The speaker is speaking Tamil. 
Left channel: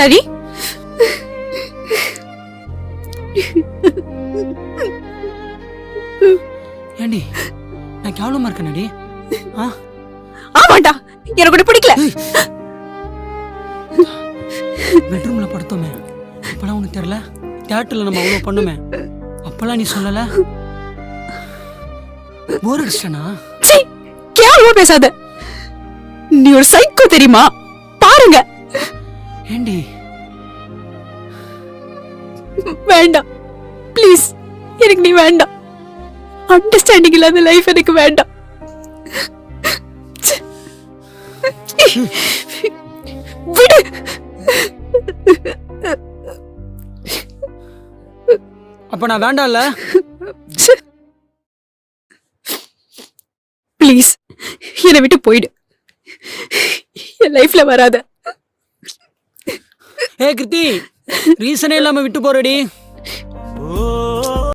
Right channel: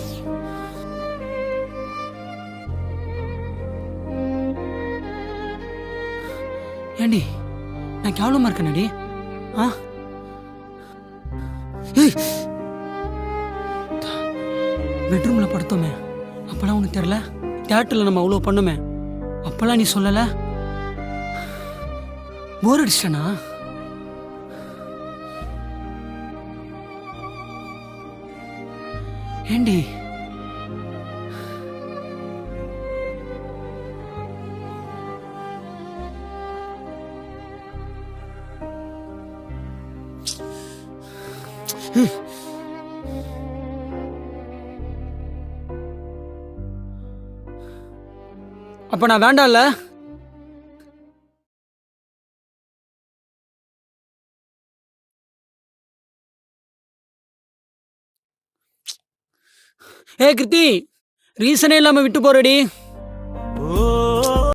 கேவலமாடா நீ. ஏண்டி நான் கேவலமா இருக்கேனடி? ஆமாண்டா, எனக்கு கூட பிடிக்கல. பெட்ரூம்ல படுத்தோமே அப்பெல்லாம் உனக்கு தெரியல? தியேட்டர்ல நம்ம அவ்வளவு பண்ணுமே அப்பெல்லாம் நீ சொல்லல? போர் அடிச்சிட்டனா? கேவலமா பேசாத. நீ ஒரு சைக்கோ தெரியுமா? பாருங்க. ஏண்டி? வேண்டாம் ப்ளீஸ், எனக்கு நீ வேண்டாம். அண்டர்ஸ்டாண்டிங் இல்லாத லைஃப் எனக்கு வேண்டாம். விடு. அப்ப நான் வேண்டாம்ல? ப்ளீஸ் என்னை விட்டு போயிடு. என் லைஃப்ல வராத. கிருத்தி, ரீசனே இல்லாம விட்டு போறடி.